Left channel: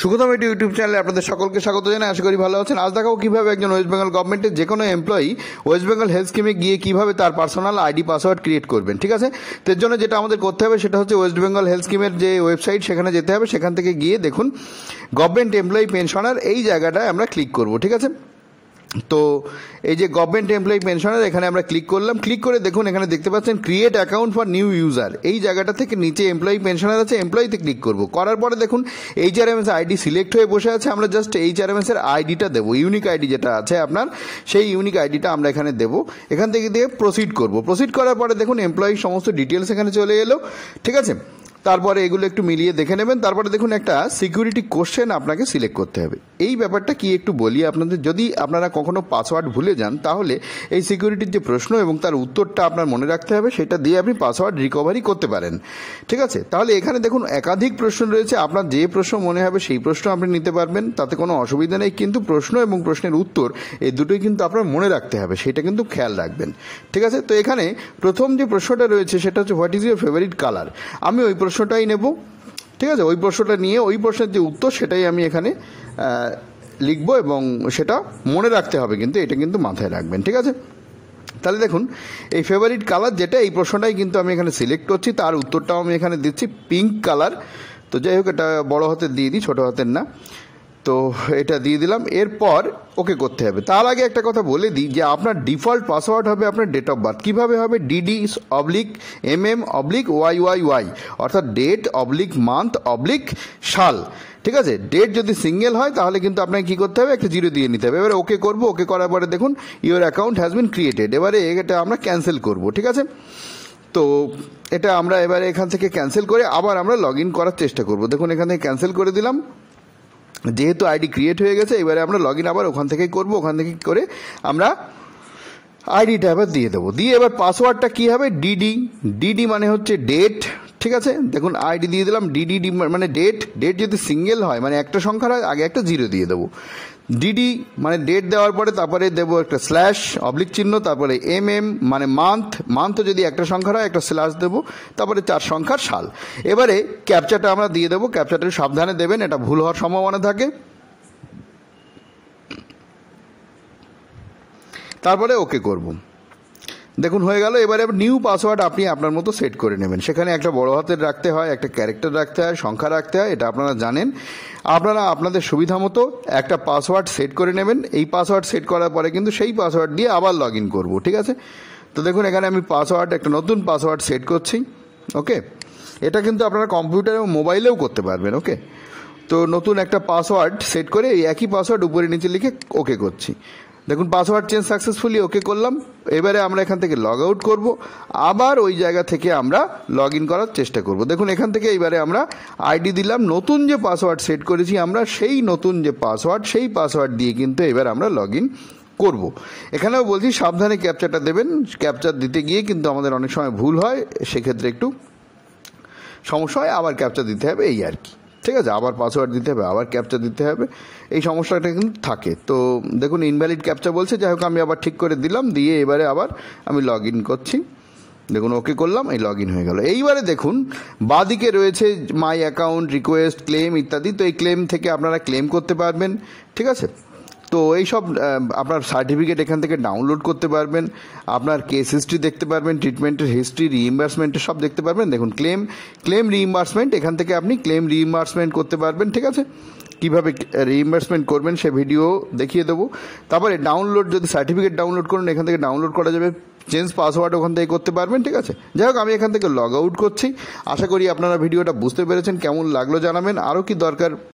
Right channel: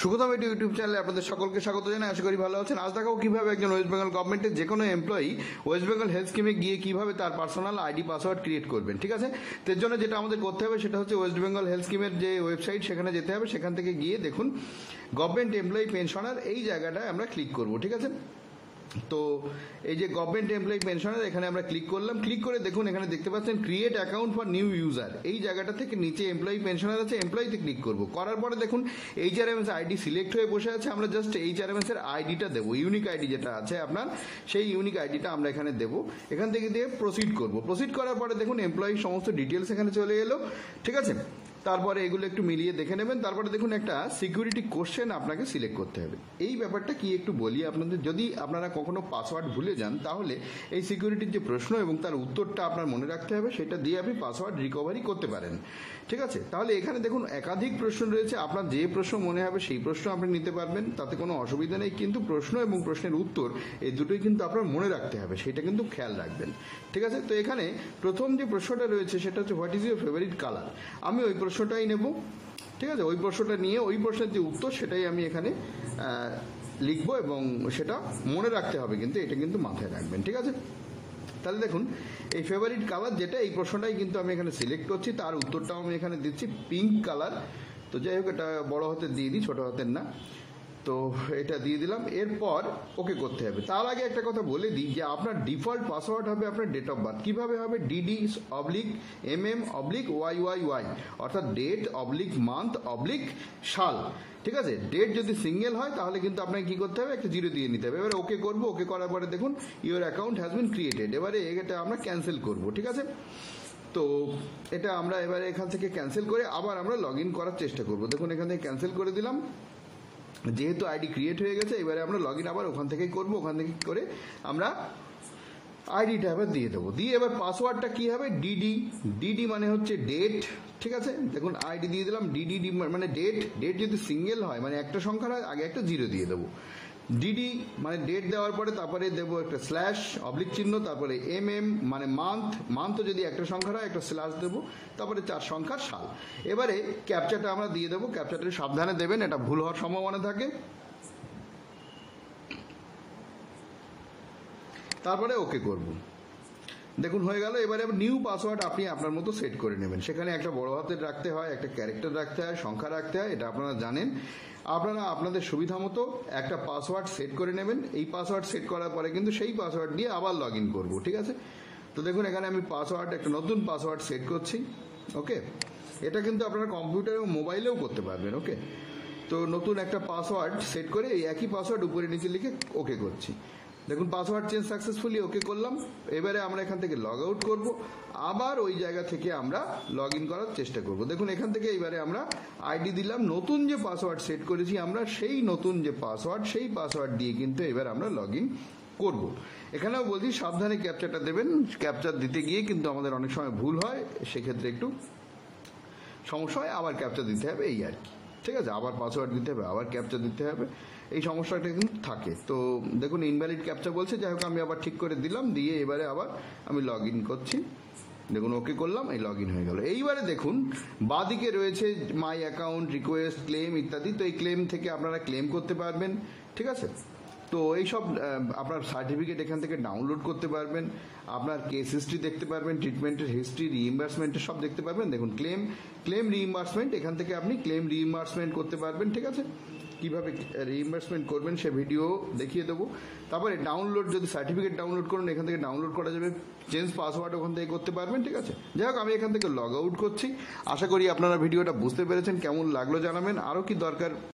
সুখোদা Mithu YouTube চ্যানেলে আপনাদের সকলকে স্বাগত জানাই। আশা করি ভালো আছেন। আজ দেখাবো কীভাবে একজন ওয়েস্ট বেঙ্গল গভর্নমেন্টের যে কোনো এমপ্লয়ি ওয়েস্ট বেঙ্গল হেলথ স্কিমে গিয়ে কীভাবে তার পার্সোনাল আইডি পাসওয়ার্ড ক্রিয়েট করবেন। ঠিক আছে, তো এর জন্য যেটা আমাদের করতে হবে সেটা হচ্ছে ওয়েস্ট বেঙ্গল হেলথ স্কিমের যে ওয়েবসাইট সেখানে যেতে হবে। সেখান থেকে গিয়ে দেখুন গভর্নমেন্ট এমপ্লয়ি পেনশনার এই জায়গাটায় আমরা ক্লিক করব। ঠিক আছে, তো এই যে গভর্নমেন্ট এমপ্লয়ি পেনশনার এখানে আমরা ক্লিক করলাম। ক্লিক করে দেখুন এখানে দেখতে পাচ্ছেন create account for new user. এই জায়গাটা থেকে নিচে এমপ্লয়ি পেনশনার আছে, এমপ্লয়িতে ক্লিক করব। করার পরে দেখুন এইচআরএমএস আইডি সিলেক্ট হয়ে বসে আছে। আমরা জাস্ট এইচআরএমএস এর আইডিটা দেবো, ইউনিক আইডি যেটা আছে আপনার, সেই ইউনিক আইডিটা আমরা এখানে দেবো। এখান থেকে দিয়ে প্রসিড করব। প্রসিড করার পরে দেখুন এমপ্লয়ির সমস্ত ডিটেলস এখানে চলে এলো। ঠিক আছে, তারপরে এগুলো একটু মিলিয়ে দেখে নেবেন। তারপরে দেখুন একটা সিকিউরিটি কোশ্চেন আপনাকে সিলেক্ট করতে হবে। এই ব্যাপারটা কি একটু বলি আপনাদের, যদি আপনারা কখনো পাসওয়ার্ড ভুলে যান তাহলে এই সিকিউরিটির যে প্রশ্ন এবং তার উত্তরটা আপনার মনে রাখতে হবে, সেটা দিয়ে আপনি পাসওয়ার্ড রিকভারি করতে পারেন। ঠিক আছে, তাহলে এখানে দেখুন একাধিক প্রশ্ন রয়েছে। আপনার যে প্রশ্ন মনে হবে সেই প্রশ্ন আপনি নিতে পারবেন, তাতে কোনো অসুবিধা নেই। কিন্তু প্রশ্ন এবং প্রশ্নের উত্তর এই দুটোই কিন্তু আপনার মনে রাখতে হবে, সেটা কিন্তু খেয়াল রাখবেন। ঠিক আছে, তো এখানে প্রথম যে প্রশ্নটা রয়েছে সেটা হচ্ছে what is your favourite colour. আমি ওই প্রশ্নটাই নেব। ঠিক আছে, ওই প্রশ্নটা নিয়ে ওই প্রশ্নের যে উত্তর সেটাই আমি এখানে লিখবো এবং সেটা মনে রাখতে হবে, কিন্তু এটা কিন্তু মাথায় রাখবেন। ঠিক আছে, তাহলে দেখুন এই ফেভারিট কালার যেটা, এই প্রশ্নটাই কিন্তু আমি এখানে সিলেক্ট করছি। তার উত্তরটাও আমি এখানে দিচ্ছি পিঙ্ক কালার। তো যাই হোক, এটা বড় হাতের দিয়ে দিই, ছোটো হাতের না। তো এটা দিয়ে দিলাম, এরপর ওকে করতে হবে। তার আগে একটা কথা বলে দিই যে আপনার ডিফল্ট পাসওয়ার্ড হবে আপনার ডেট অফ বার্থ। কীভাবে হবে? DD/MM/YYY, অর্থাৎ ডেট / মান্থ / সাল। ঠিক আছে, ডেট যদি সিঙ্গেল হয় তাহলে কিন্তু আপনাকে কী করতে হবে, একটা 0 দিয়ে নিতে হবে। এবারে ওকে করবো। ওকে করার পরে দেখুন your account has been created. এবারে এটা আমরা ক্যান্সেল করব। ঠিক আছে, তো এটা আমরা এবারে এখান থেকে ক্যান্সেল করে আবার আমরা লগ ইন করার চেষ্টা করব। দেখুন এখান থেকে ক্যান্সেল করে দিলাম, যেহেতু আইডি ক্রিয়েট হয়ে গেছে। এবারে আমরা লগ ইন আবার ওখান থেকেই করবো। ওখান থেকে করে আমরা আইডিটা আবার দিয়ে দেবো। দিয়ে এবার পাসওয়ার্ডটা কী হবে? ডিডি মানে হচ্ছে ডেট। ঠিক আছে, দেখুন আইডি দিয়ে দিলাম। ডিডি মানে ডেট যদি সিঙ্গেল হয়, মানে একটা সংখ্যার হয়, আগে একটা 0 দিয়ে দেবো। ডিডি মানে ডেট দেওয়ার পরে তারপরে দেবো একটা / চিহ্ন, তারপরে মানে মান্থ যদি একটা সংখ্যার হয় একটা স্ল্যাশ দেবো, তারপরে 4 সংখ্যার সাল। এবারে ক্যাপচাটা আমরা দিয়ে দেবো। ক্যাপচাটা সাবধানে দেবেন, এটা ভুল হওয়ার সম্ভাবনা থাকে। তারপরে ওকে করব। দেখুন হয়ে গেল। এবারে নিউ পাসওয়ার্ড আপনি আপনার মতো সেট করে নেবেন। সেখানে একটা বড় হাতের রাখতে হয়, একটা ক্যারেক্টার রাখতে হয়, সংখ্যা রাখতে হয়, এটা আপনারা জানেন। আপনারা আপনাদের সুবিধা মতো একটা পাসওয়ার্ড সেট করে নেবেন। এই পাসওয়ার্ড সেট করার পরে কিন্তু সেই পাসওয়ার্ড দিয়ে আবার লগ ইন করবো। ঠিক আছে, তো দেখুন এখানে আমি একটা নতুন পাসওয়ার্ড সেট করছি। ওকে, এটা কিন্তু আপনারা কম্পিউটার এবং মোবাইলেও করতে পারবেন। ওকে, তো নতুন একটা পাসওয়ার্ড সেট করে এই একই পাসওয়ার্ড উপরে নিচে লিখে ওকে করছি। দেখুন পাসওয়ার্ড চেঞ্জ সাকসেসফুলি, ওকে করলাম। এবারে আমরা এখান থেকে লগ আউট করব, আবার ওই জায়গা থেকে আমরা লগ ইন করার চেষ্টা করব। দেখুন এখান থেকে এবারে আমরা আইডি দিলাম, নতুন যে পাসওয়ার্ড সেট করেছি আমরা, সেই নতুন যে পাসওয়ার্ড, সেই পাসওয়ার্ড দিয়ে কিন্তু এবার আমরা লগ ইন করবো। এখানেও বলছি সাবধানে ক্যাপচাটা দেবেন। ক্যাপচার দিতে গিয়ে কিন্তু আমাদের অনেক সময় ভুল হয়, সেক্ষেত্রে একটু সমস্যা হয়, আবার ক্যাপচার দিতে হবে, এই আর কি। ঠিক আছে, আবার পাসওয়ার্ড দিতে হবে, আবার ক্যাপচার দিতে হবে, এই সমস্যাটা কিন্তু থাকে। তো দেখুন ইনভ্যালিড ক্যাপচা বলছে, যাই হোক আমি আবার ঠিক করে দিলাম। দিয়ে এবারে আবার আমি লগ ইন করছি। দেখুন ওকে করলাম, এই লগ ইন হয়ে গেল। এইবারে দেখুন বাঁদিকে রয়েছে মাই অ্যাকাউন্ট, রিকোয়েস্ট, ক্লেম ইত্যাদি। তো এই ক্লেম থেকে আপনারা ক্লেম করতে পারবেন। ঠিক আছে, তো এইসব আপনার সার্টিফিকেট এখান থেকে ডাউনলোড করতে পারবেন, আপনার কেস হিস্ট্রি দেখতে পারবেন, ট্রিটমেন্টের হিস্ট্রি, রিইম্বার্সমেন্টের সব দেখতে পারবেন। দেখুন ক্লেম রিইম্বার্সমেন্ট, এখান থেকে আপনি ক্লেম রিইম্বার্সমেন্ট করতে পারবেন। ঠিক আছে, কীভাবে রিইম্বার্সমেন্ট করবেন সে ভিডিও দেখিয়ে দেবো। তারপরে ডাউনলোড, যদি সার্টিফিকেট ডাউনলোড করুন এখান থেকে ডাউনলোড করা যাবে। চেঞ্জ পাসওয়ার্ড ওখান থেকে করতে পারবেন। ঠিক আছে, যাই হোক আমি এখান থেকে লগ আউট করছি। আশা করি আপনারা ভিডিওটা বুঝতে পেরেছেন। কেমন লাগলো জানাবেন। আরও কি দরকার